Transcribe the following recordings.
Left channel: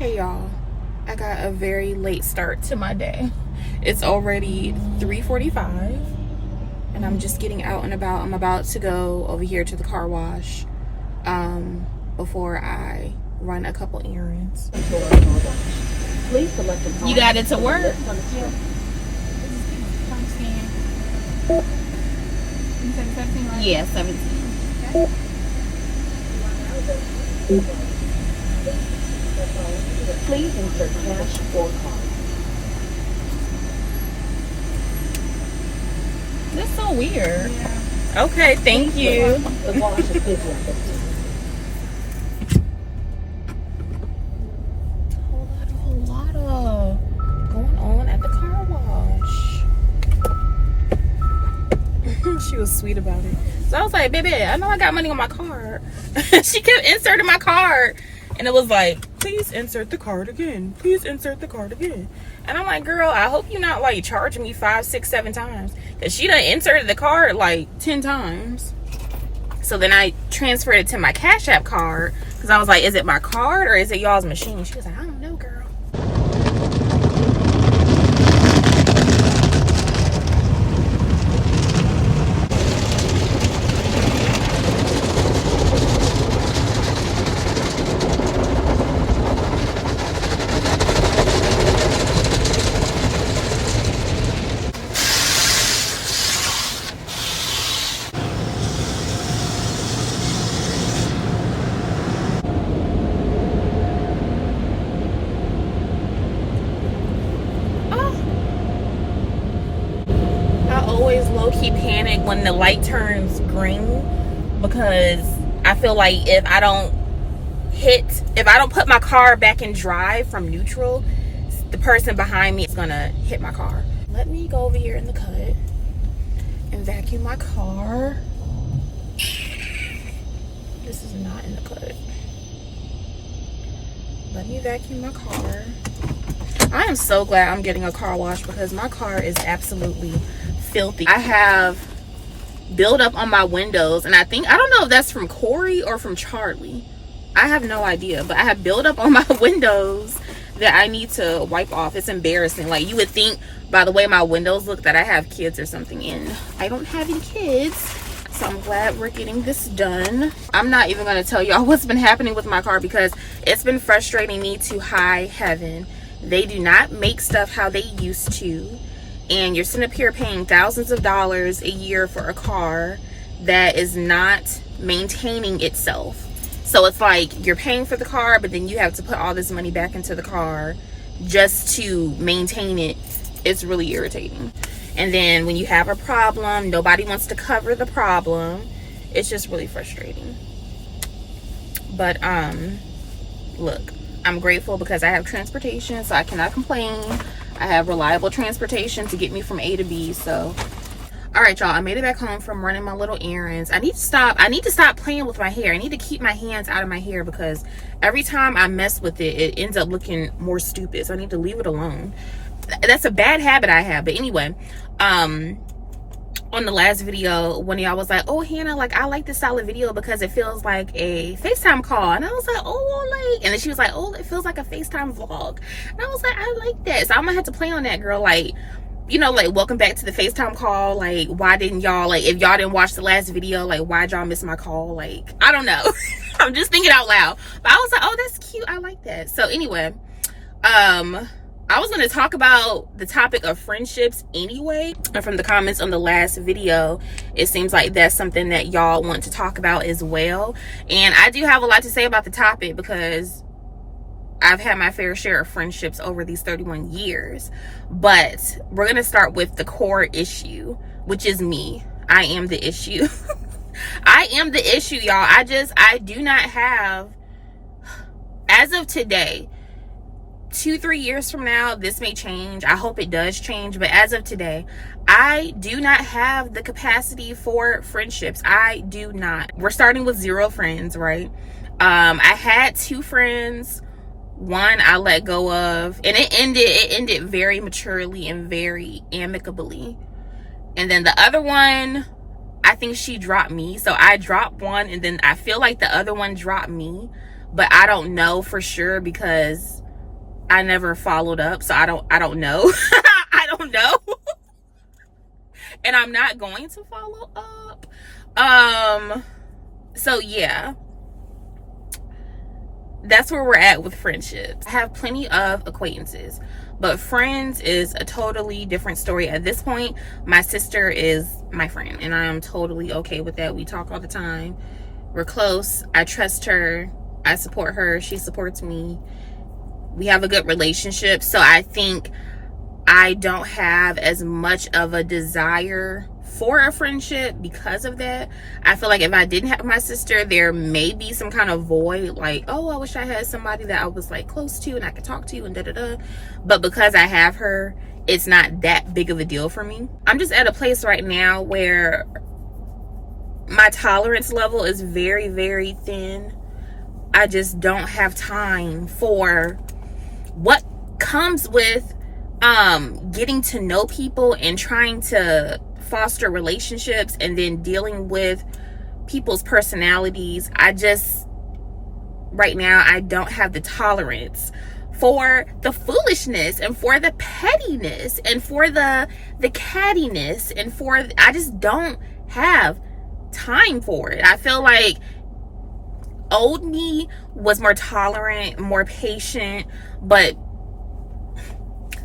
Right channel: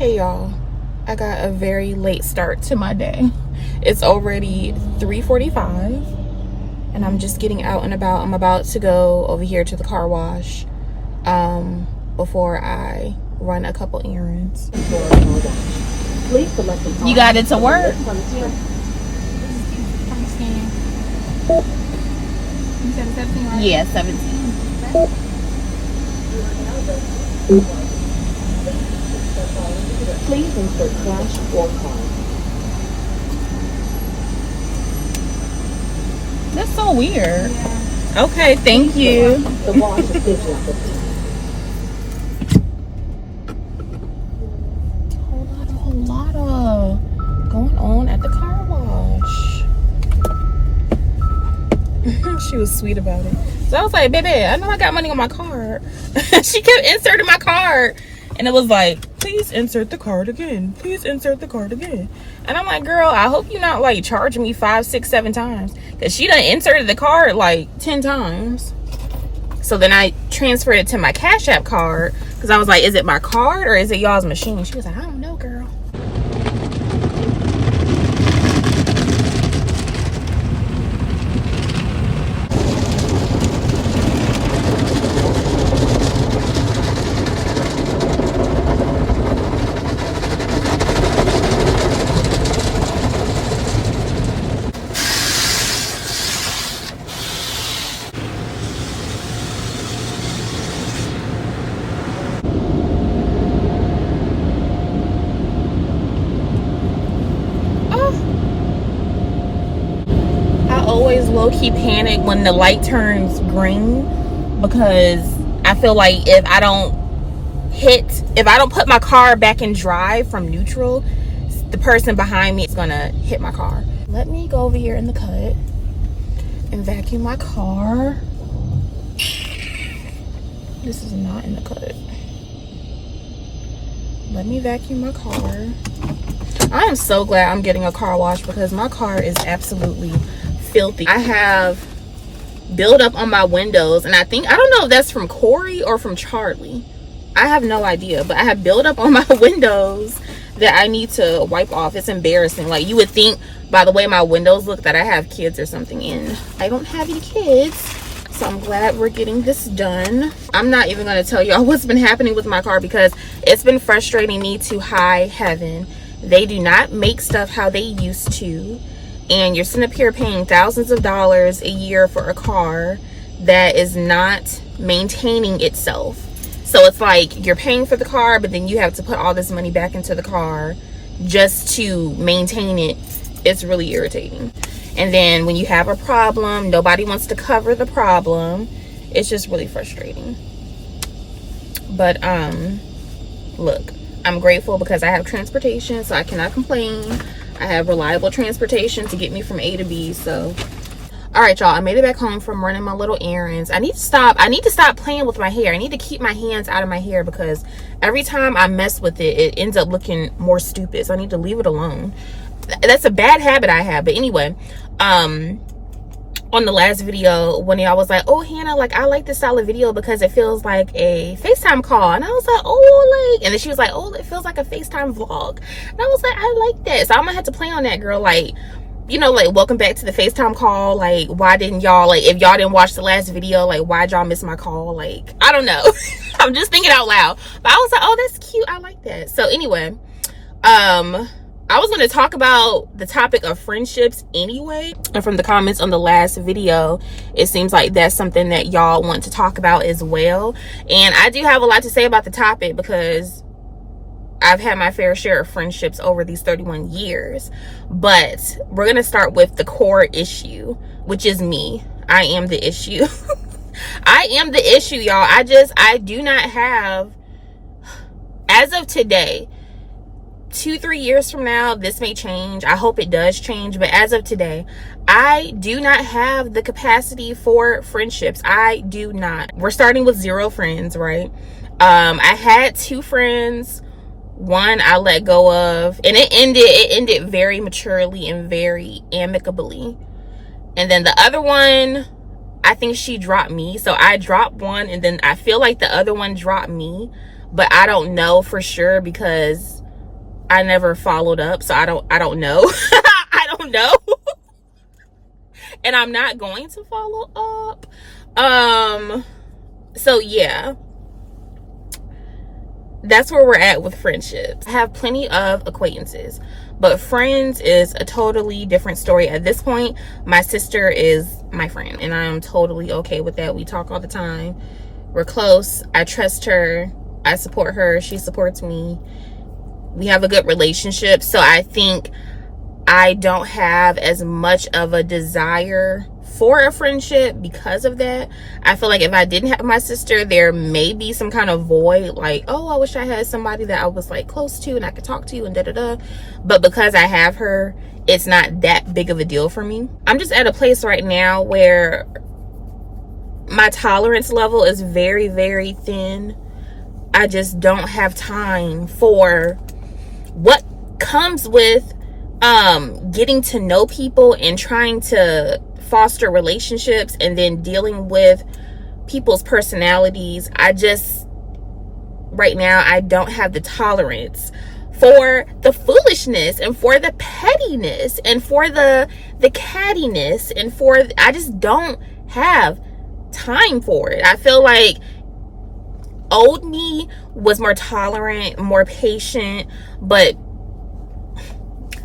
Hey y'all, I got a very late start to my day. It's already 3:45 and I'm just getting out and about. I'm about to go over here to the car wash before I run a couple errands. You got it to work? Yeah, 17. Please insert cash or card. That's so weird. Yeah. Okay, thank you. The wash is scheduled for whole lot going on at the car wash. She was sweet about it. So I was like, baby, I know I got money on my card. She kept inserting my card. And it was like, please insert the card again. Please insert the card again. And I'm like, girl, I hope you're not like charging me 5, 6, 7 times. Because she done inserted the card like 10 times. So then I transferred it to my Cash App card. Because I was like, is it my card or is it y'all's machine? She was like, I don't know, girl. Always low-key panic when the light turns green, because I feel like if I don't put my car back in drive from neutral, the person behind me is gonna hit my car. Let me go over here in the cut and vacuum my car. This is not in the cut. Let me vacuum my car. I am so glad I'm getting a car wash because my car is absolutely filthy. I have buildup on my windows, and I don't know if that's from Corey or from Charlie. I have no idea, but I have buildup on my windows that I need to wipe off. It's embarrassing. Like, you would think by the way my windows look that I have kids or something, and I don't have any kids. So I'm glad we're getting this done. I'm not even going to tell y'all what's been happening with my car because it's been frustrating me to high heaven. They do not make stuff how they used to. And you're sitting up here paying thousands of dollars a year for a car that is not maintaining itself. So it's like you're paying for the car, but then you have to put all this money back into the car just to maintain it. It's really irritating. And then when you have a problem, nobody wants to cover the problem. It's just really frustrating. But look, I'm grateful because I have transportation, so I cannot complain. I have reliable transportation to get me from A to B. So all right, y'all, I made it back home from running my little errands. I need to stop playing with my hair. I need to keep my hands out of my hair because every time I mess with it, it ends up looking more stupid. So I need to leave it alone. That's a bad habit I have. But anyway, on the last video, one of y'all was like, oh, Hannah, like, I like this style of video because it feels like a FaceTime call. And I was like, oh, like, and then she was like, oh, it feels like a FaceTime vlog. And I was like, I like that. So I'm gonna have to play on that, girl. Like, you know, like, welcome back to the FaceTime call. Like, why didn't y'all, like, if y'all didn't watch the last video, like, why'd y'all miss my call? Like, I don't know. I'm just thinking out loud. But I was like, oh, that's cute. I like that. So anyway, I was going to talk about the topic of friendships anyway. And from the comments on the last video, it seems like that's something that y'all want to talk about as well. And I do have a lot to say about the topic because I've had my fair share of friendships over these 31 years. But we're going to start with the core issue, which is me. I am the issue. I am the issue, y'all. I do not have, as of today, 2-3 years from now, this may change. I hope it does change, but as of today, I do not have the capacity for friendships. I do not. We're starting with 0 friends, right? I had 2 friends. One I let go of, and it ended very maturely and very amicably. And then the other one, I think she dropped me. So I dropped one, and then I feel like the other one dropped me, but I don't know for sure because I never followed up, so I don't know. I don't know. And I'm not going to follow up. So yeah, that's where we're at with friendships. I have plenty of acquaintances, but friends is a totally different story at this point. My sister is my friend, and I'm totally okay with that. We talk all the time. We're close. I trust her. I support her. She supports me. We have a good relationship. So I think I don't have as much of a desire for a friendship because of that. I feel like if I didn't have my sister, there may be some kind of void, like, oh, I wish I had somebody that I was like close to and I could talk to and da-da-da. But because I have her, it's not that big of a deal for me. I'm just at a place right now where my tolerance level is very, very thin. I just don't have time for what comes with getting to know people and trying to foster relationships and then dealing with people's personalities. Right now, I don't have the tolerance for the foolishness and for the pettiness and for the cattiness and I just don't have time for it. I feel like old me was more tolerant, more patient, but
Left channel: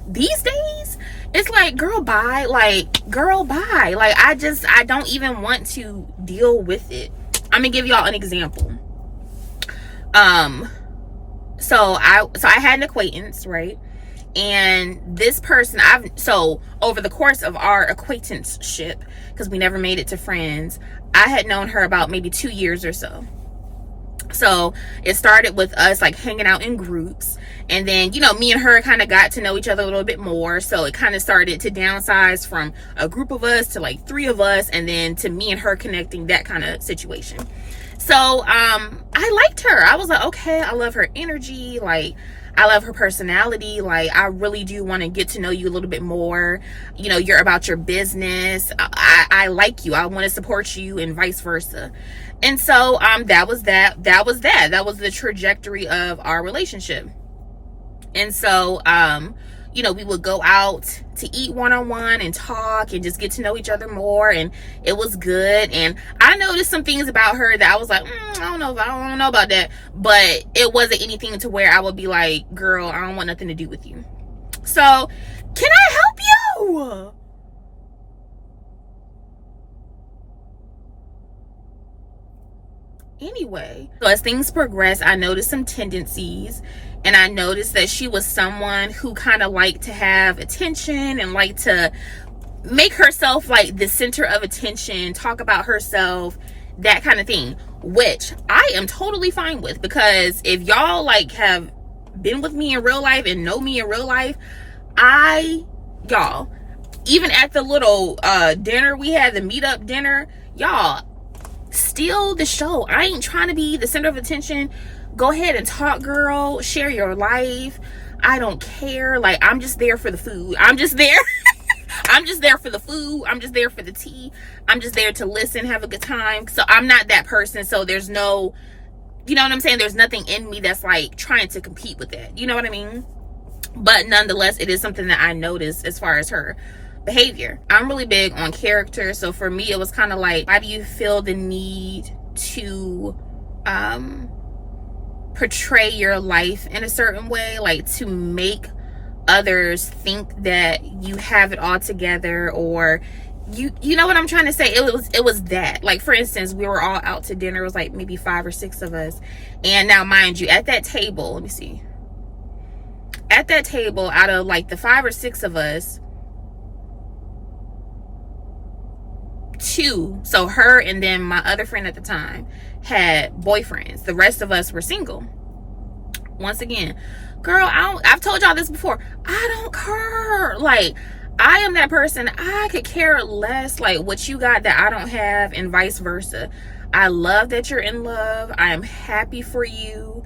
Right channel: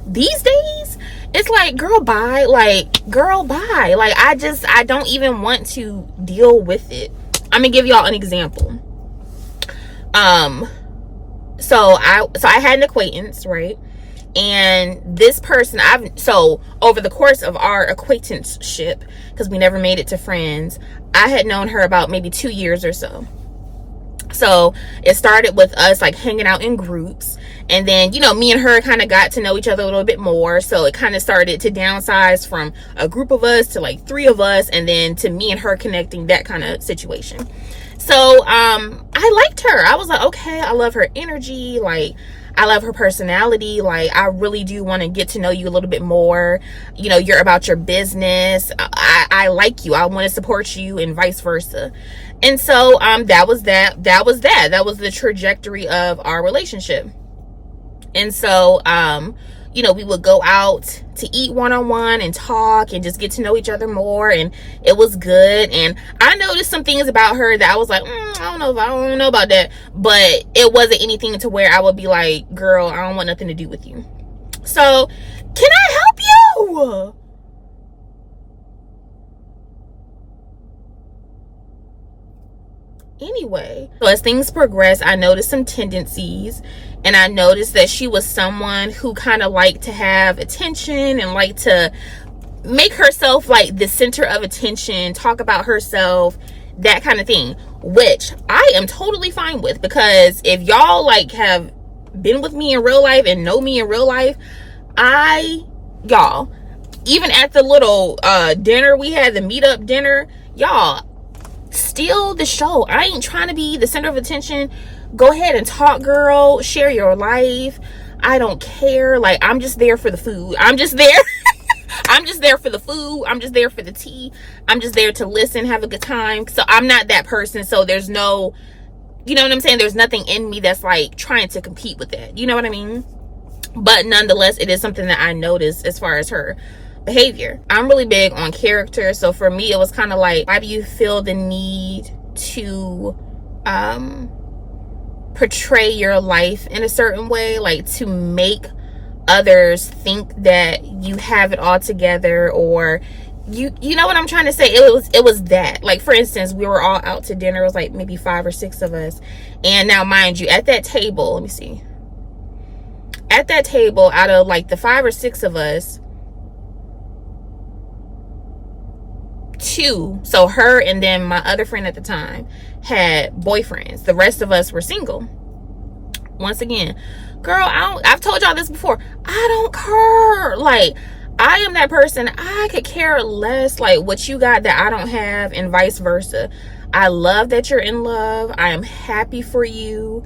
these days it's like, girl, bye. Like, I don't even want to deal with it. I'm gonna give y'all an example. So I had an acquaintance, right? And this person, over the course of our acquaintanceship, because we never made it to friends, I had known her about maybe 2 years or so. So it started with us like hanging out in groups, and then, you know, me and her kind of got to know each other a little bit more. So it kind of started to downsize from a group of us to like 3 of us, and then to me and her connecting, that kind of situation. So I liked her. I was like, okay, I love her energy, like I love her personality, like I really do want to get to know you a little bit more. You know, you're about your business. I like you. I want to support you, and vice versa. And so that was the trajectory of our relationship. And so you know, we would go out to eat one-on-one and talk and just get to know each other more, and it was good. And I noticed some things about her that I was like, I don't know about that, but it wasn't anything to where I would be like, girl, I don't want nothing to do with you. So can I help you? Anyway, so as things progressed, I noticed some tendencies, and I noticed that she was someone who kind of liked to have attention and liked to make herself like the center of attention, talk about herself, that kind of thing, which I am totally fine with, because if y'all like have been with me in real life and know me in real life, y'all, even at the little dinner we had, the meetup dinner, y'all, steal the show. I ain't trying to be the center of attention. Go ahead and talk, girl. Share your life. I don't care. Like, I'm just there for the food. I'm just there. I'm just there for the food. I'm just there for the tea. I'm just there to listen, have a good time. So I'm not that person. So there's no, you know what I'm saying? There's nothing in me that's like trying to compete with that. You know what I mean? But nonetheless, it is something that I noticed as far as her behavior. I'm really big on character. So for me, it was kind of like, why do you feel the need to portray your life in a certain way, like to make others think that you have it all together, or you know what I'm trying to say? It was that, like, for instance, we were all out to dinner. It was like maybe 5 or 6 of us, and now mind you, at that table, let me see, at that table, out of like the 5 or 6 of us, 2, so her and then my other friend at the time, had boyfriends. The rest of us were single. Once again, girl, I've told y'all this before, I don't care. Like, I am that person. I could care less like what you got that I don't have, and vice versa. I love that you're in love. I am happy for you.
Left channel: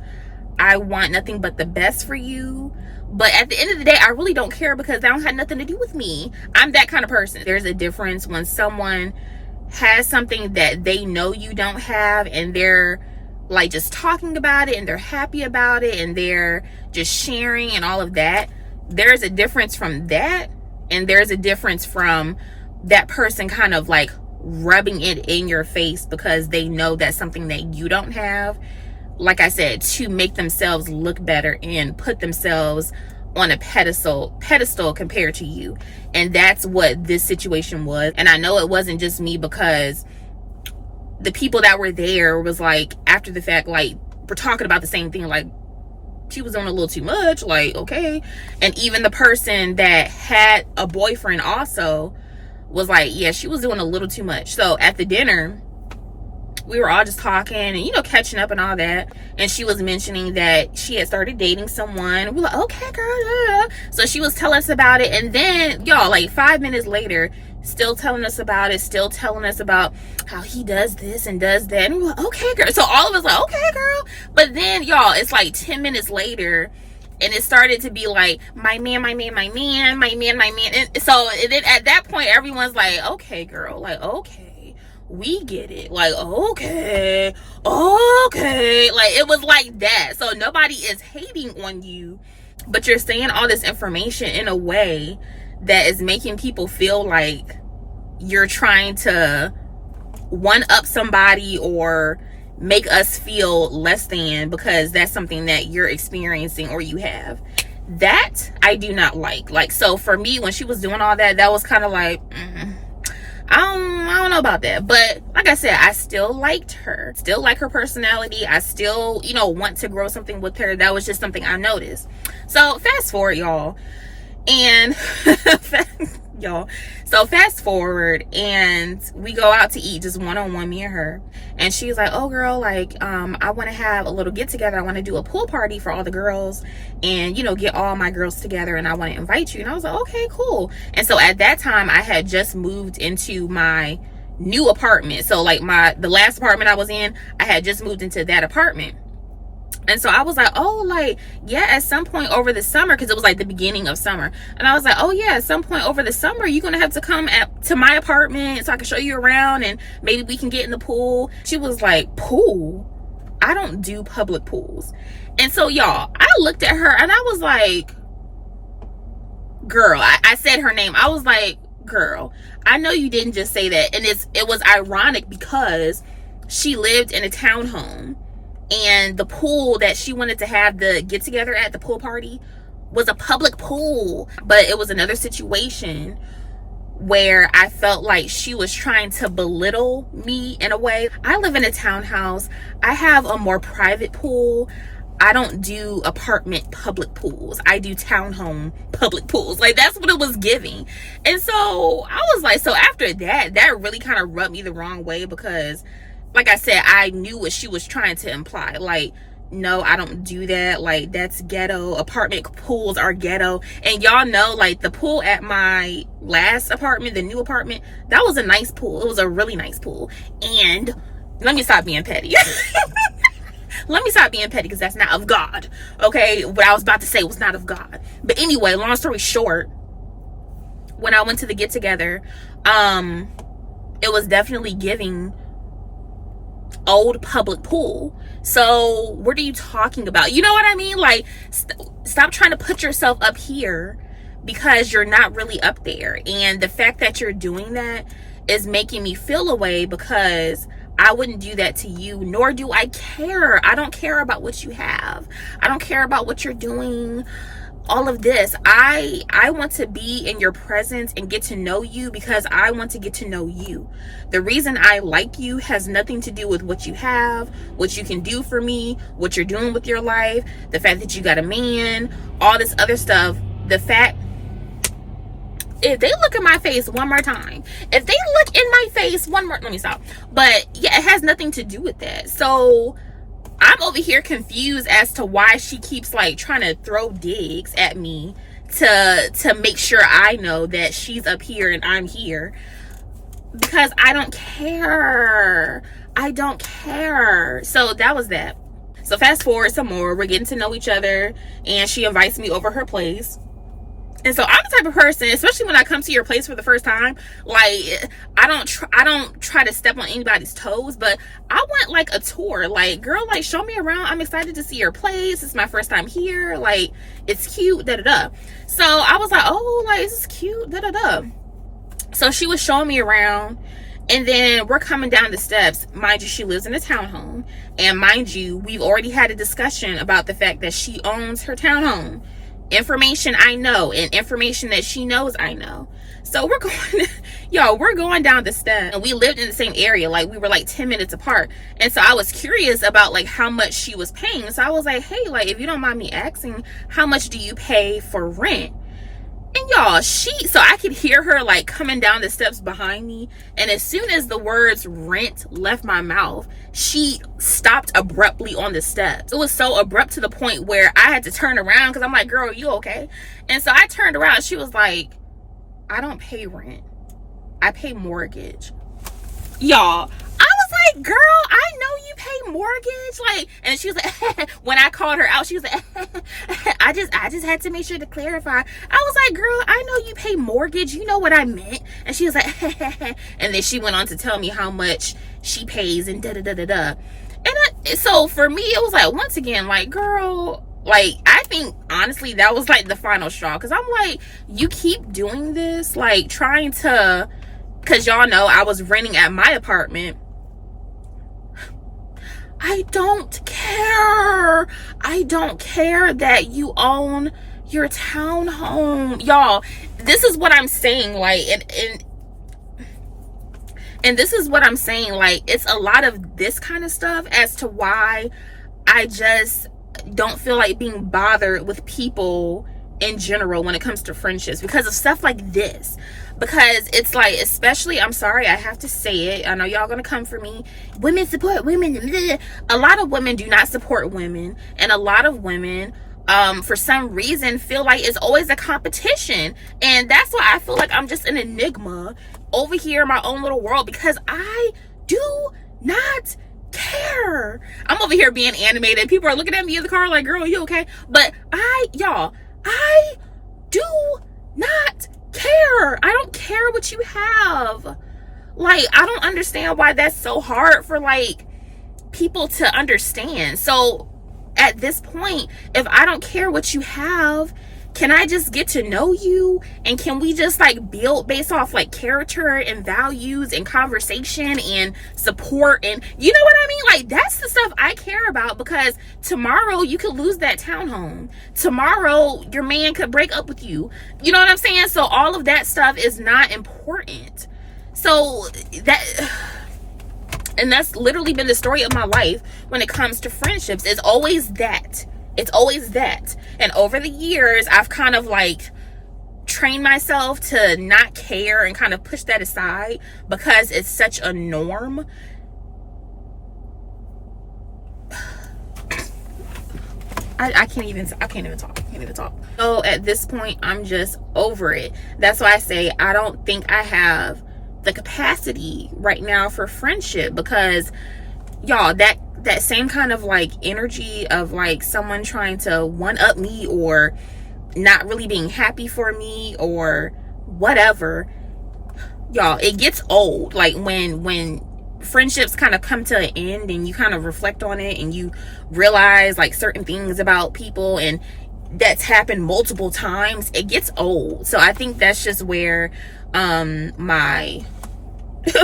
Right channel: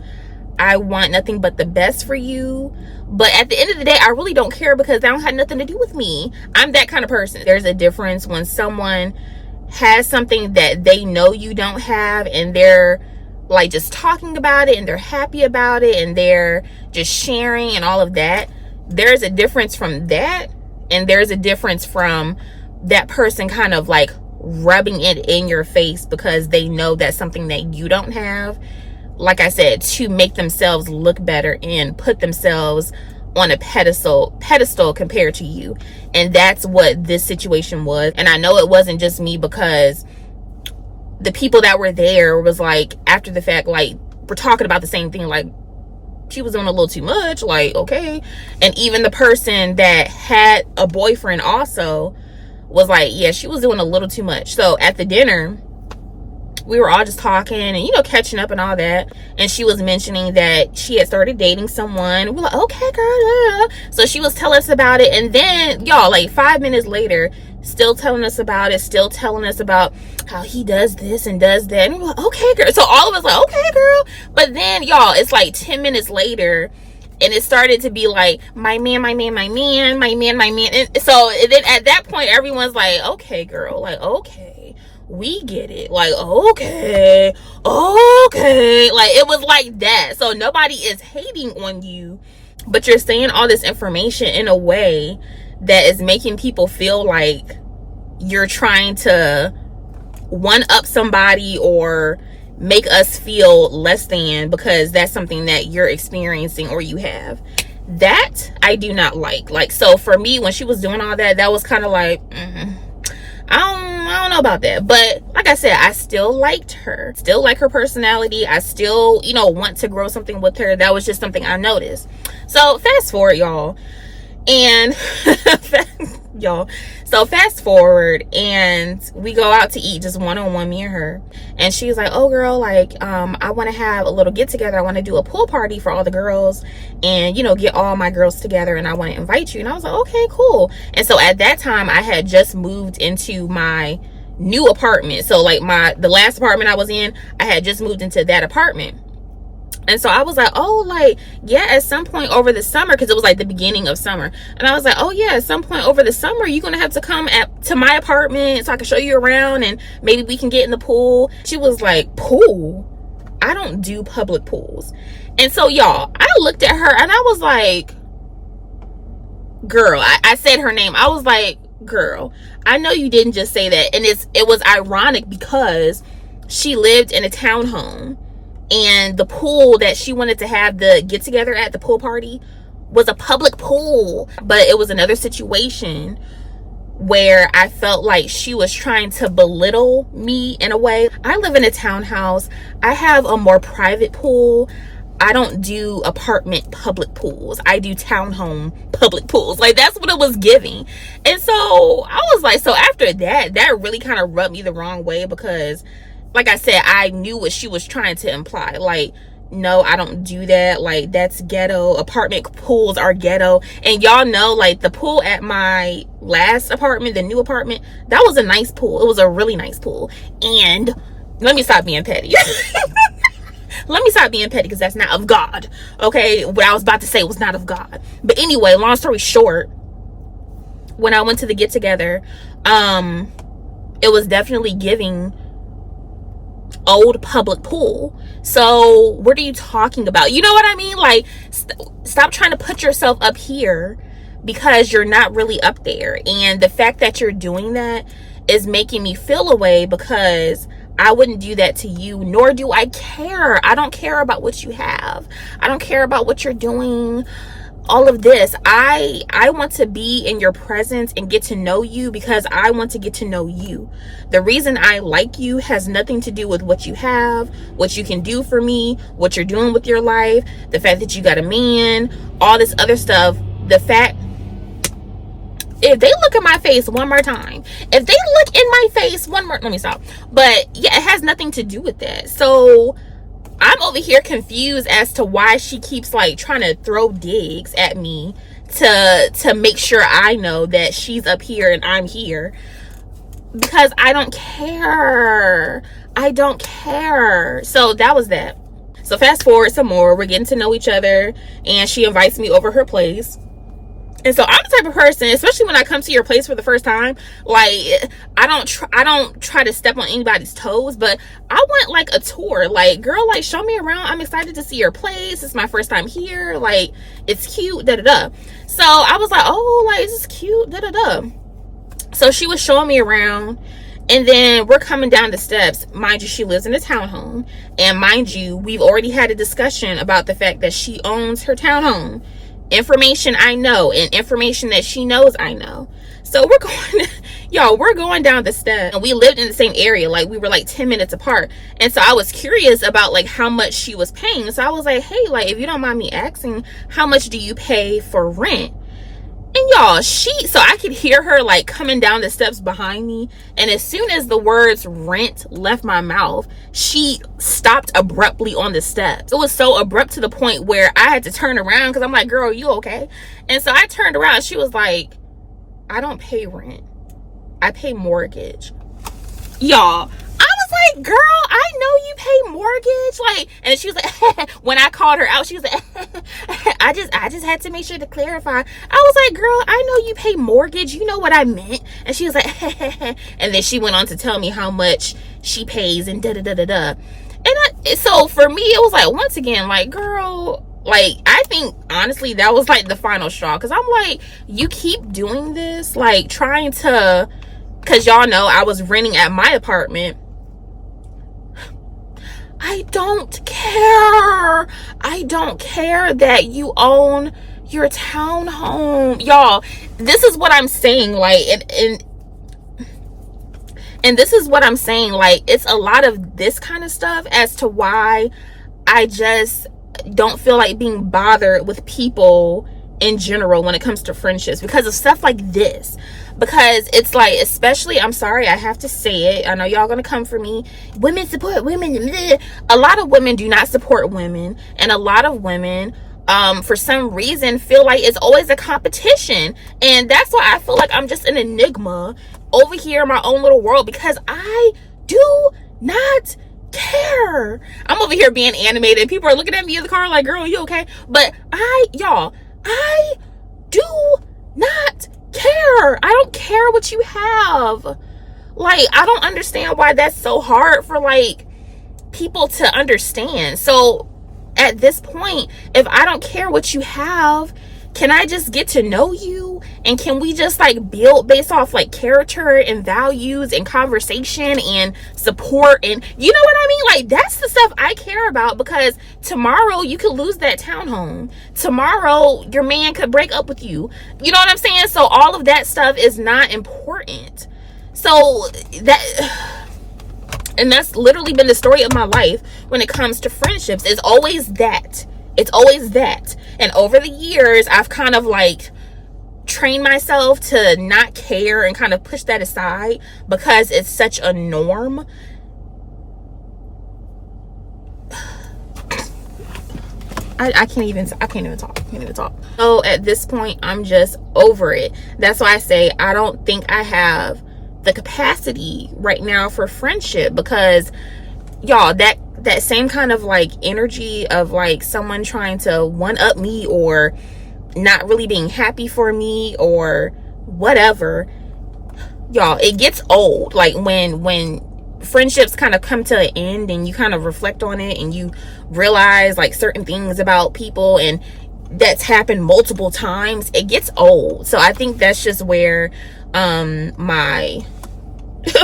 I want nothing but the best for you. But at the end of the day, I really don't care, because that don't have nothing to do with me. I'm that kind of person. There's a difference when someone has something that they know you don't have, and they're like just talking about it and they're happy about it and they're just sharing and all of that, there's a difference from that, and there's a difference from that person kind of like rubbing it in your face because they know that's something that you don't have, like I said, to make themselves look better and put themselves on a pedestal compared to you. And that's what this situation was. And I know it wasn't just me, because the people that were there was like, after the fact, like, we're talking about the same thing, like, she was doing a little too much, like, okay. And even the person that had a boyfriend also was like, yeah, she was doing a little too much. So at the dinner, we were all just talking and, you know, catching up and all that. And she was mentioning that she had started dating someone. We're like, okay, girl. So she was telling us about it. And then, y'all, like 5 minutes later, still telling us about it, still telling us about how he does this and does that. And we're like, okay, girl. So all of us like, okay, girl. But then, y'all, it's like 10 minutes later, and it started to be like, my man. And so and then at that point, everyone's like, okay, girl, like, okay, we get it. Like, okay. Like, it was like that. So nobody is hating on you, but you're saying all this information in a way that is making people feel like you're trying to one up somebody or make us feel less than because that's something that you're experiencing or you have. That I do not like. Like, so for me, when she was doing all that, that was kind of like, I don't know about that. But like I said, I still liked her, still like her personality. I still, you know, want to grow something with her. That was just something I noticed. So fast forward, y'all, and so fast forward, and we go out to eat, just one-on-one, me and her. And she's like, oh girl, like, I want to have a little get together. I want to do a pool party for all the girls and, you know, get all my girls together, and I want to invite you. And I was like, okay, cool. And so at that time, I had just moved into my new apartment. So like the last apartment I was in, I had just moved into that apartment. And so I was like, oh, like, yeah, at some point over the summer, because it was like the beginning of summer. And I was like, oh, yeah, at some point over the summer, you're going to have to come to my apartment so I can show you around and maybe we can get in the pool. She was like, pool? I don't do public pools. And so, y'all, I looked at her and I was like, girl, I said her name. I was like, girl, I know you didn't just say that. And it was ironic because she lived in a townhome. And the pool that she wanted to have the get together at, the pool party, was a public pool. But it was another situation where I felt like she was trying to belittle me in a way. I live in a townhouse. I have a more private pool. I don't do apartment public pools. I do townhome public pools. Like, that's what it was giving. And so I was like, so after that really kind of rubbed me the wrong way, because like I said, I knew what she was trying to imply. Like, no, I don't do that. Like, that's ghetto. Apartment pools are ghetto. And y'all know, like, the pool at my last apartment, the new apartment, that was a nice pool. It was a really nice pool. And let me stop being petty. Let me stop being petty, because that's not of God. Okay? What I was about to say was not of God. But anyway, long story short, when I went to the get together, it was definitely giving old public pool. So what are you talking about? You know what I mean? Like, stop trying to put yourself up here because you're not really up there. And the fact that you're doing that is making me feel a way, because I wouldn't do that to you, nor do I care. I don't care about what you have. I don't care about what you're doing. All of this, I want to be in your presence and get to know you, because I want to get to know you. The reason I like you has nothing to do with what you have, what you can do for me, what you're doing with your life, the fact that you got a man, all this other stuff. The fact, if they look in my face one more time, if they look in my face one more, let me stop. But yeah, it has nothing to do with that. So I'm over here confused as to why she keeps like trying to throw digs at me to make sure I know that she's up here and I'm here, because I don't care. I don't care. So that was that. So fast forward some more, we're getting to know each other, and she invites me over her place. And so I'm the type of person, especially when I come to your place for the first time, like I don't try to step on anybody's toes, but I want like a tour. Like, girl, like show me around. I'm excited to see your place. It's my first time here. Like, it's cute, da da da. So I was like, oh, like this is cute, da da da. So she was showing me around, and then we're coming down the steps. Mind you, she lives in a townhome, and mind you, we've already had a discussion about the fact that she owns her townhome. Information I know, and information that she knows I know. So we're going, y'all, we're going down the steps, and we lived in the same area. Like, we were like 10 minutes apart. And so I was curious about like how much she was paying. So I was like, hey, like, if you don't mind me asking, how much do you pay for rent? And y'all, so I could hear her like coming down the steps behind me. And as soon as the words rent left my mouth, she stopped abruptly on the steps. It was so abrupt to the point where I had to turn around because I'm like, girl, you okay? And so I turned around. She was like, I don't pay rent. I pay mortgage. Y'all, I was like, girl, I know you pay mortgage. Like, and she was like, when I called her out, she was like, I just had to make sure to clarify. I was like, girl, I know you pay mortgage. You know what I meant. And she was like, and then she went on to tell me how much she pays and da da da da da. And so for me, it was like, once again, like, girl, like, I think honestly that was like the final straw, because I'm like, you keep doing this, like trying to, because y'all know I was renting at my apartment. I don't care. I don't care that you own your townhome. Y'all, this is what I'm saying. Like, and this is what I'm saying. Like, it's a lot of this kind of stuff as to why I just don't feel like being bothered with people in general when it comes to friendships, because of stuff like this. Because it's like, especially, I'm sorry, I have to say it, I know y'all gonna come for me, women support women. A lot of women do not support women, and a lot of women for some reason feel like it's always a competition. And that's why I feel like I'm just an enigma over here in my own little world, because I do not care. I'm over here being animated. People are looking at me in the car like, girl, you okay? But I do not care. I don't care what you have. Like, I don't understand why that's so hard for like people to understand. So at this point, if I don't care what you have, can I just get to know you? And can we just like build based off like character and values and conversation and support? And you know what I mean? Like, that's the stuff I care about, because tomorrow you could lose that townhome. Tomorrow your man could break up with you. You know what I'm saying? So all of that stuff is not important. So and that's literally been the story of my life when it comes to friendships. It's always that. It's always that. And over the years, I've kind of like trained myself to not care and kind of push that aside because it's such a norm. I can't even talk. So at this point, I'm just over it. That's why I say I don't think I have the capacity right now for friendship, because y'all, that same kind of like energy of like someone trying to one up me or not really being happy for me or whatever, y'all, it gets old. Like when friendships kind of come to an end and you kind of reflect on it and you realize like certain things about people, and that's happened multiple times, it gets old. So I think that's just where my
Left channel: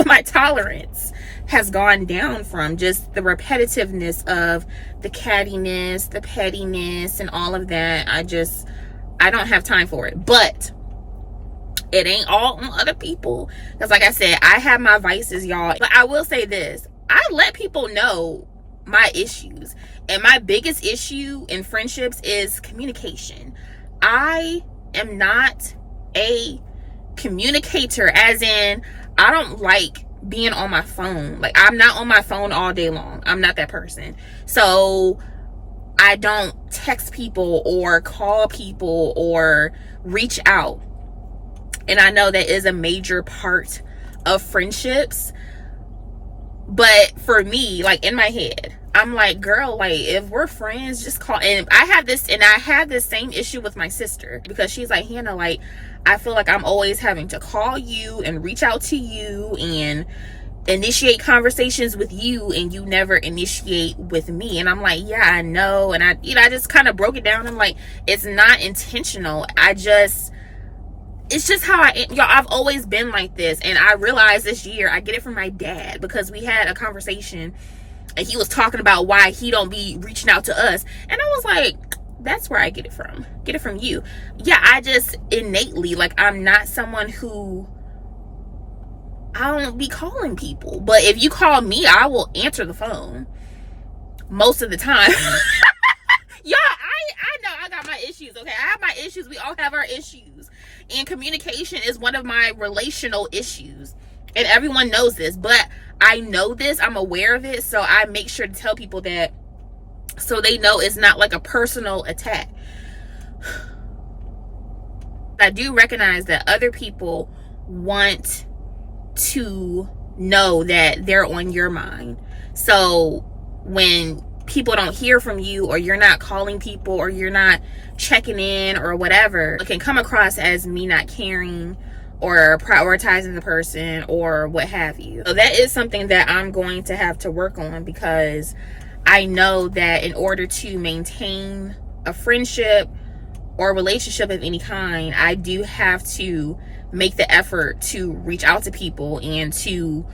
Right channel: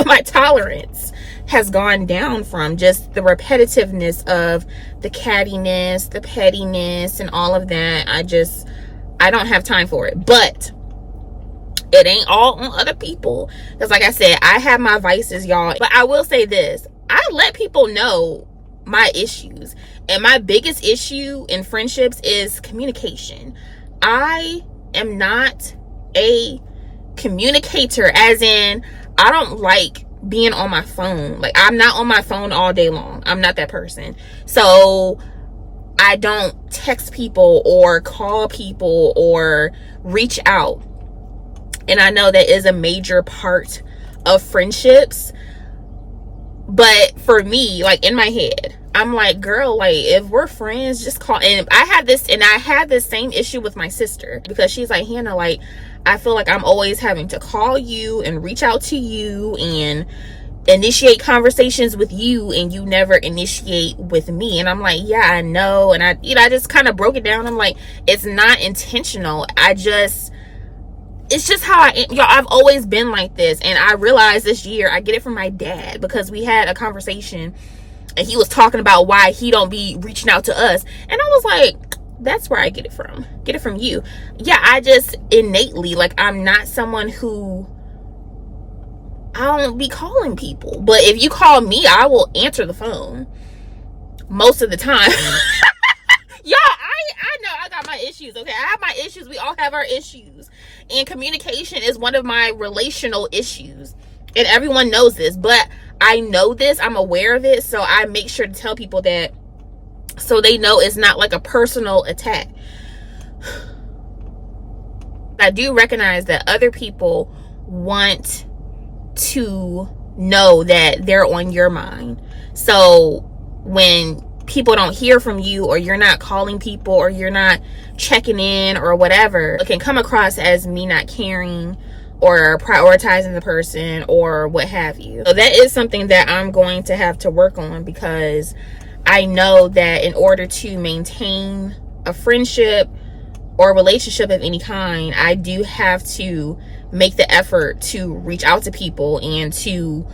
my tolerance has gone down from, just the repetitiveness of the cattiness, the pettiness, and all of that. I don't have time for it. But it ain't all on other people, because like I said, I have my vices, y'all. But I will say this, I let people know my issues, and my biggest issue in friendships is communication. I am not a communicator, as in I don't like being on my phone. Like, I'm not on my phone all day long. I'm not that person. So I don't text people or call people or reach out. And I know that is a major part of friendships. But for me, like, in my head, I'm like, girl, like, if we're friends, just call. And I had this same issue with my sister, because she's like, Hannah, like, I feel like I'm always having to call you and reach out to you and initiate conversations with you, and you never initiate with me. And I'm like, yeah, I know. And I just kind of broke it down. I'm like, it's not intentional. It's just how I am. Y'all, I've always been like this. And I realized this year, I get it from my dad, because we had a conversation and he was talking about why he don't be reaching out to us. And I was like, that's where I get it from. Get it from you. Yeah, I just innately, like, I'm not someone who, I don't be calling people. But if you call me, I will answer the phone most of the time. Y'all, I know I got my issues, okay? I have my issues. We all have our issues. And communication is one of my relational issues. And everyone knows this. But I know this. I'm aware of it. So I make sure to tell people that, so they know it's not like a personal attack. I do recognize that other people want to know that they're on your mind. So when people don't hear from you, or you're not calling people, or you're not checking in or whatever, it can come across as me not caring or prioritizing the person or what have you. So that is something that I'm going to have to work on, because I know that in order to maintain a friendship or a relationship of any kind, I do have to make the effort to reach out to people and to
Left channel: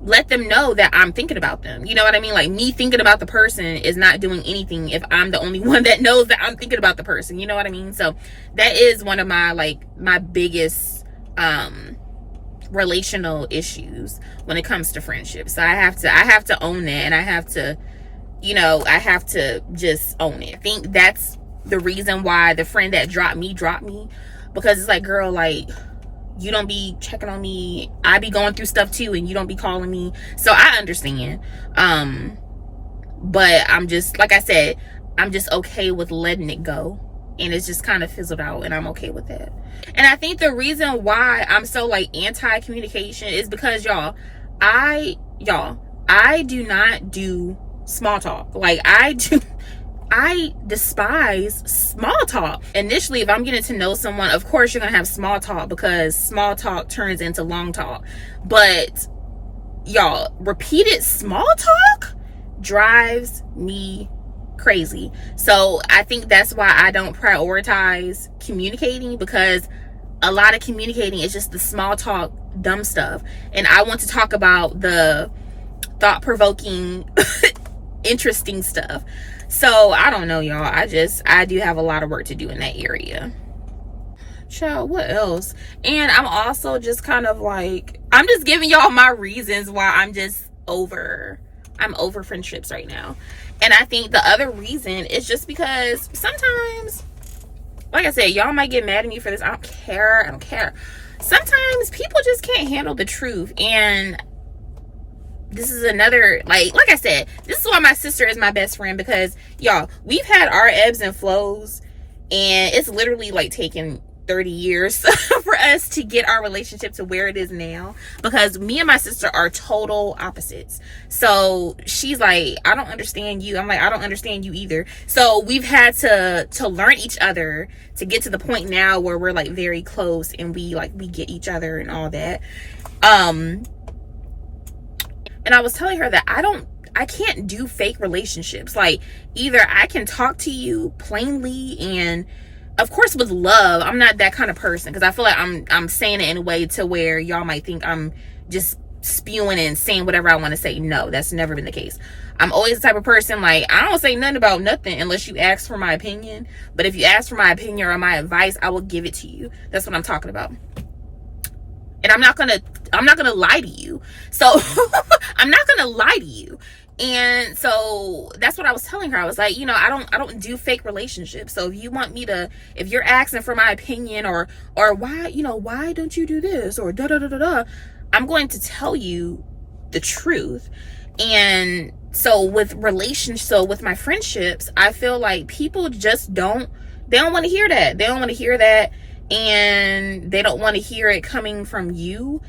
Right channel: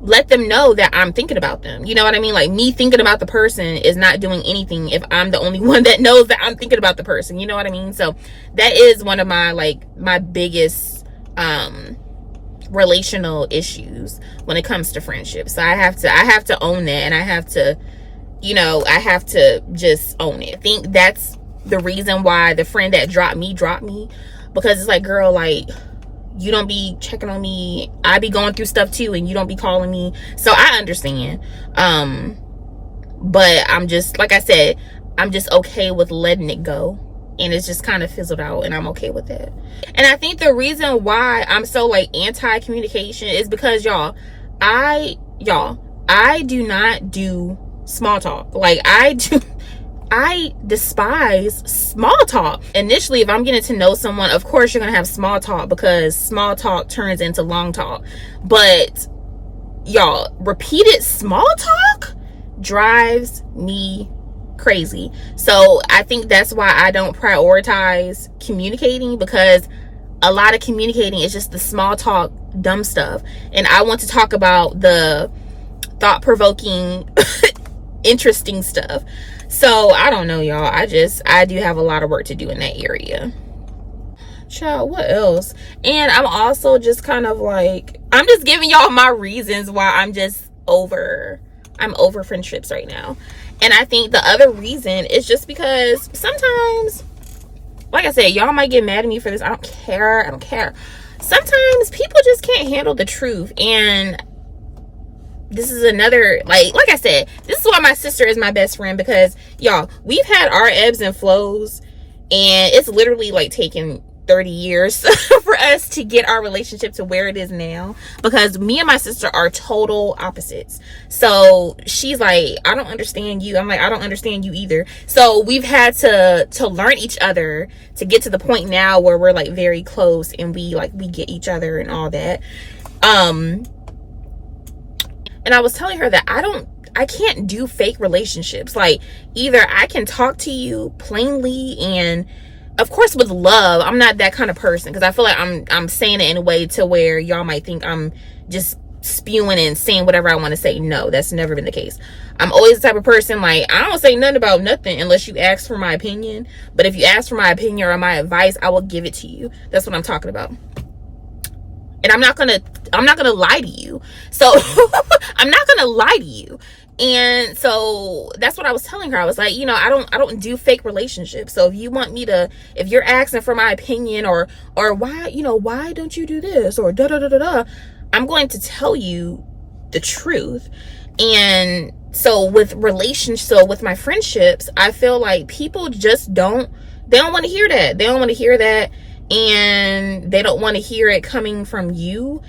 let them know that I'm thinking about them. You know what I mean? Like, me thinking about the person is not doing anything if I'm the only one that knows that I'm thinking about the person. You know what I mean? So that is one of my, like, my biggest relational issues when it comes to friendship. So I have to own that, and I have to, you know, I have to just own it. I think that's the reason why the friend that dropped me, because it's like, girl, like, you don't be checking on me. I be going through stuff too, and you don't be calling me. So I understand. But I'm just, like I said, I'm just okay with letting it go. And it's just kind of fizzled out, and I'm okay with that. And I think the reason why I'm so, like, anti-communication is because, y'all, I do not do small talk. Like, I despise small talk. Initially, if I'm getting to know someone, of course you're gonna have small talk, because small talk turns into long talk. But y'all, repeated small talk drives me crazy. So I think that's why I don't prioritize communicating, because a lot of communicating is just the small talk, dumb stuff. And I want to talk about the thought-provoking, interesting stuff. So I don't know, y'all. I do have a lot of work to do in that area. Child, what else? And I'm also just kind of like, I'm just giving y'all my reasons why I'm over friendships right now. And I think the other reason is just because sometimes, like I said, y'all might get mad at me for this. I don't care. Sometimes people just can't handle the truth. And this is another, like I said, this is why my sister is my best friend, because y'all, we've had our ebbs and flows, and it's literally like taken 30 years for us to get our relationship to where it is now, because me and my sister are total opposites. So she's like, I don't understand you. I'm like, I don't understand you either. So we've had to learn each other to get to the point now where we're like very close, and we get each other and all that. And I was telling her that I can't do fake relationships. Like, either I can talk to you plainly, and of course with love. I'm not that kind of person, because I feel like I'm saying it in a way to where y'all might think I'm just spewing and saying whatever I want to say. No, that's never been the case. I'm always the type of person, like, I don't say nothing about nothing unless you ask for my opinion. But if you ask for my opinion or my advice, I will give it to you. That's what I'm talking about. And I'm not gonna lie to you. So I'm not gonna lie to you. And so that's what I was telling her. I was like, you know, I don't do fake relationships. So if you want me to, if you're asking for my opinion or why, you know, why don't you do this or da da da da da, I'm going to tell you the truth. And so with my friendships, I feel like people just they don't want to hear that. They don't want to hear that. And they don't want to hear it coming from you.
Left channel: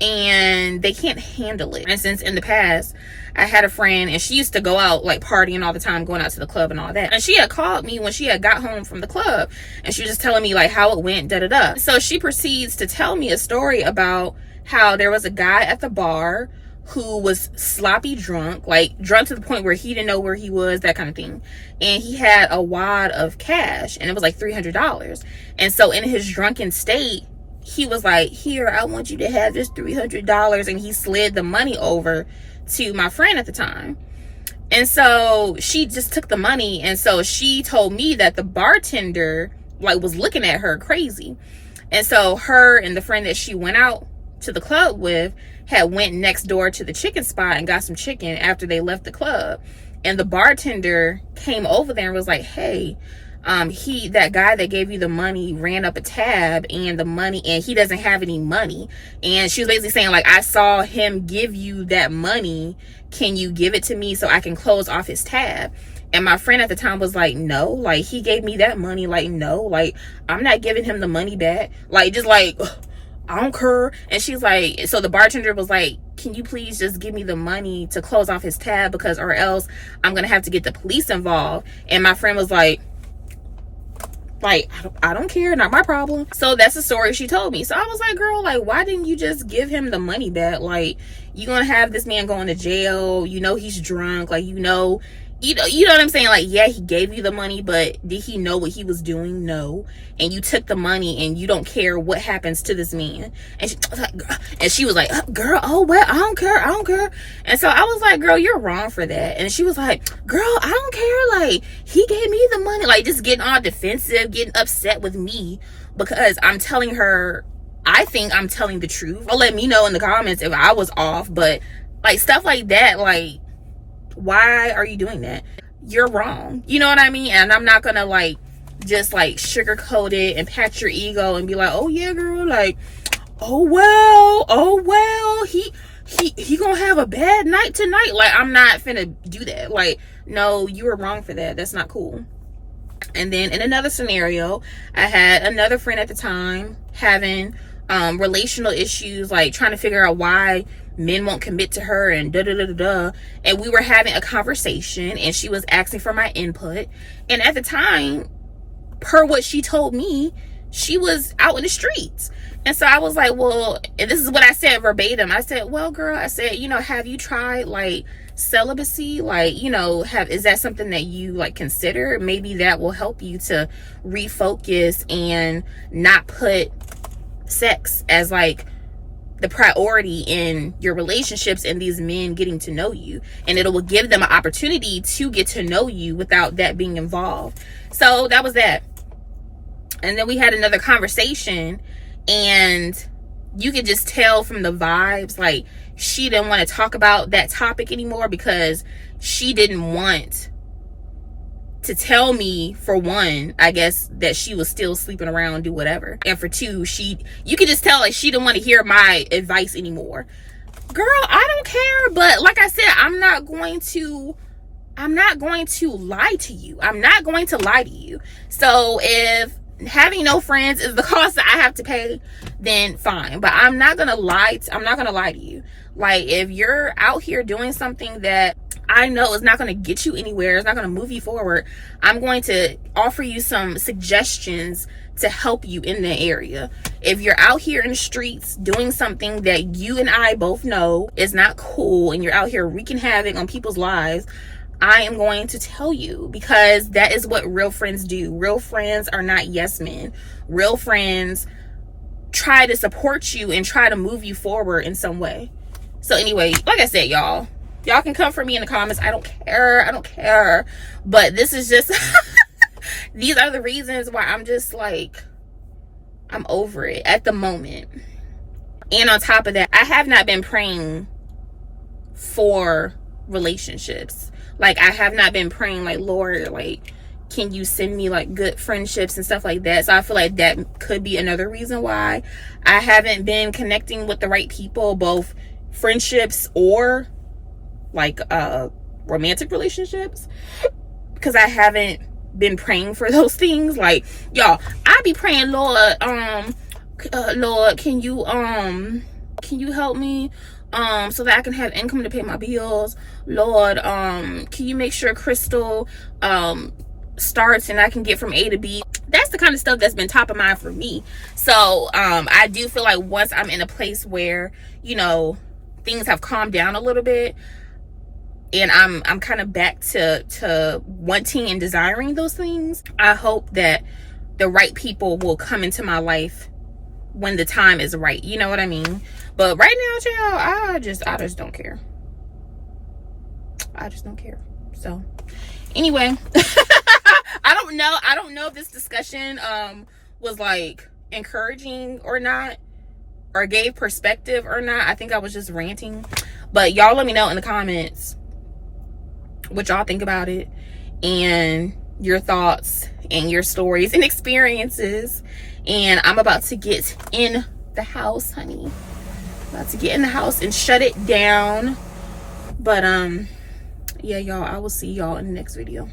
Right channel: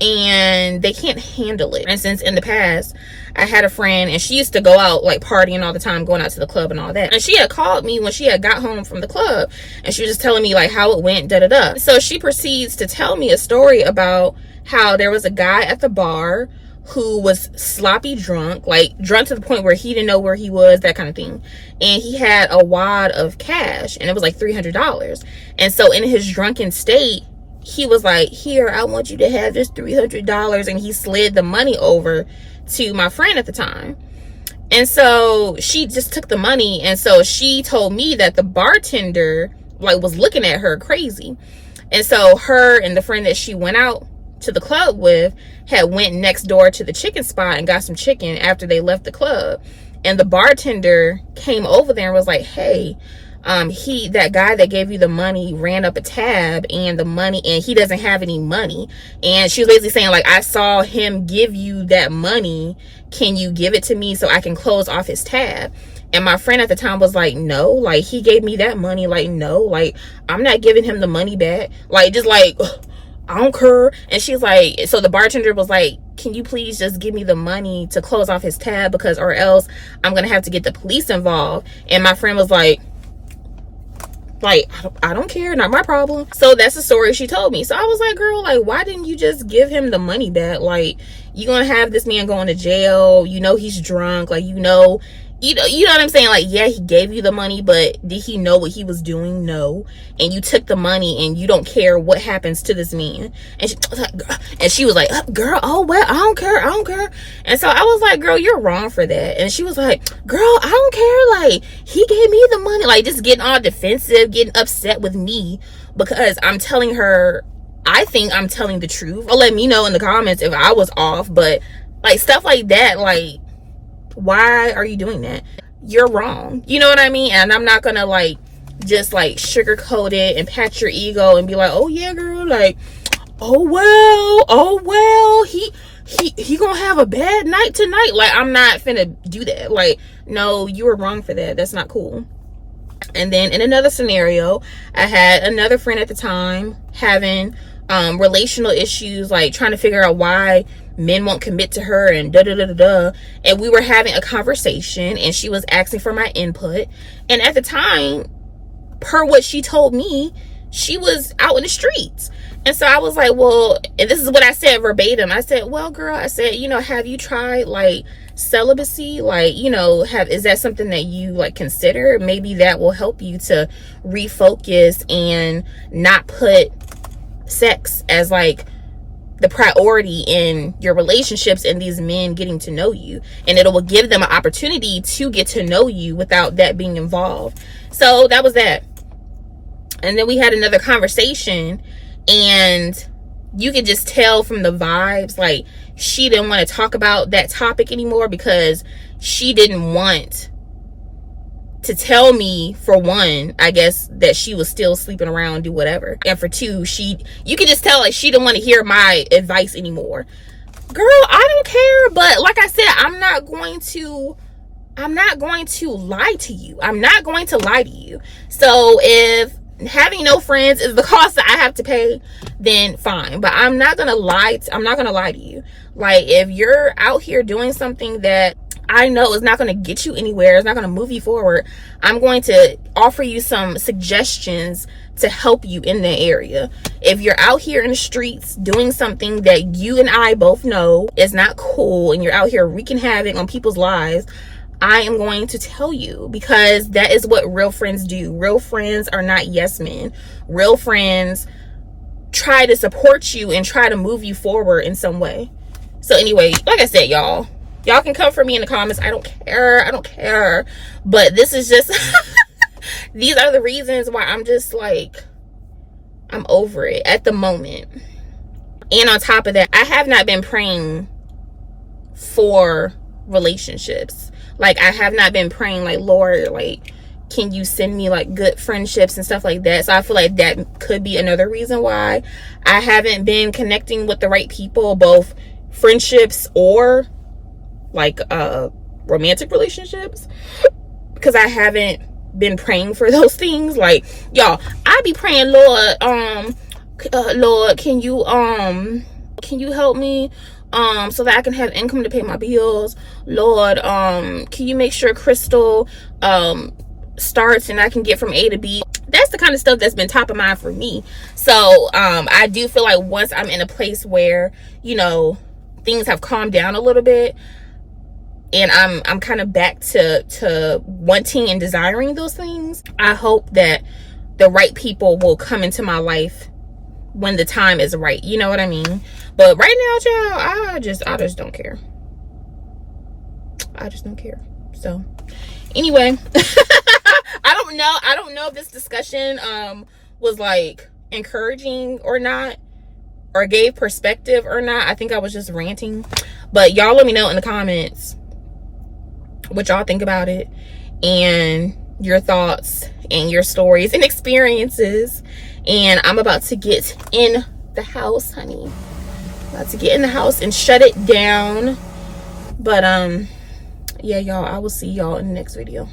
and they can't handle it. For instance, in the past, I had a friend, and she used to go out like partying all the time, going out to the club and all that. And she had called me when she had got home from the club, and she was just telling me like how it went, da da da. So she proceeds to tell me a story about how there was a guy at the bar who was sloppy drunk, like drunk to the point where he didn't know where he was, that kind of thing. And he had a wad of cash, and it was like $300. And so in his drunken state, he was like, here, I want you to have this $300. And he slid the money over to my friend at the time. And so she just took the money. And so she told me that the bartender like was looking at her crazy. And so her and the friend that she went out to the club with had went next door to the chicken spot and got some chicken after they left the club. And the bartender came over there and was like, hey, that guy that gave you the money ran up a tab, and the money, and he doesn't have any money. And she was basically saying like, I saw him give you that money. Can you give it to me so I can close off his tab? And my friend at the time was like, no, like he gave me that money. Like, no, like I'm not giving him the money back. Like, just like, I don't care. And she's like, so the bartender was like, can you please just give me the money to close off his tab, because or else I'm gonna have to get the police involved. And my friend was like, I don't care, not my problem. So that's the story she told me. So I was like, girl, like, why didn't you just give him the money back? Like, you're gonna have this man going to jail, you know he's drunk, like, you know what I'm saying? Like, yeah, he gave you the money, but did he know what he was doing? No. And you took the money, and you don't care what happens to this man. And she was like, girl, oh well, I don't care. And so I was like, girl, you're wrong for that. And she was like, girl, I don't care, like he gave me the money, like just getting all defensive, getting upset with me because I'm telling her I think I'm telling the truth. Or let me know in the comments if I was off. But like stuff like that, like, why are you doing that? You're wrong. You know what I mean? And I'm not gonna like just like sugarcoat it and pat your ego and be like, oh yeah, girl, like, oh well, he gonna have a bad night tonight. Like, I'm not finna do that. Like, no, you were wrong for that. That's not cool. And then in another scenario, I had another friend at the time having relational issues, like trying to figure out why men won't commit to her and and we were having a conversation, and she was asking for my input. And at the time, per what she told me, she was out in the streets. And so I was like, well, and this is what I said verbatim. I said, well, girl, I said, you know, have you tried like celibacy? Like, you know, is that something that you like consider? Maybe that will help you to refocus and not put sex as like the priority in your relationships and these men getting to know you, and it will give them an opportunity to get to know you without that being involved. So that was that. And then we had another conversation, and you could just tell from the vibes, like she didn't want to talk about that topic anymore because she didn't want to tell me, for one, I guess, that she was still sleeping around, do whatever. And for two, you could just tell like she didn't want to hear my advice anymore. Girl, I don't care, but like I said, I'm not going to lie to you. I'm not going to lie to you. So if having no friends is the cost that I have to pay, then fine. But I'm not gonna lie to you. Like, if you're out here doing something that I know is not going to get you anywhere, it's not going to move you forward, I'm going to offer you some suggestions to help you in that area. If you're out here in the streets doing something that you and I both know is not cool, and you're out here wreaking havoc on people's lives, I am going to tell you, because that is what real friends do. Real friends are not yes men. Real friends try to support you and try to move you forward in some way. So anyway, like I said, y'all can come for me in the comments. I don't care. But this is just these are the reasons why I'm just like, I'm over it at the moment. And on top of that, I have not been praying for relationships. Like, I have not been praying like, Lord, like, can you send me like good friendships and stuff like that? So I feel like that could be another reason why I haven't been connecting with the right people, both friendships or like romantic relationships, because I haven't been praying for those things. Like, y'all, I be praying, Lord, Lord, can you Can you help me so that I can have income to pay my bills? Lord, can you make sure Crystal starts and I can get from A to B? That's the kind of stuff that's been top of mind for me. So I do feel like once I'm in a place where, you know, things have calmed down a little bit, and I'm kind of back to wanting and desiring those things, I hope that the right people will come into my life when the time is right. You know what I mean? But right now, child, I just don't care. I just don't care. So anyway, I don't know if this discussion was like encouraging or not, or gave perspective or not. I think I was just ranting. But y'all let me know in the comments what y'all think about it, and your thoughts and your stories and experiences. And I'm about to get in the house, honey. About to get in the house and shut it down. But yeah, y'all, I will see y'all in the next video.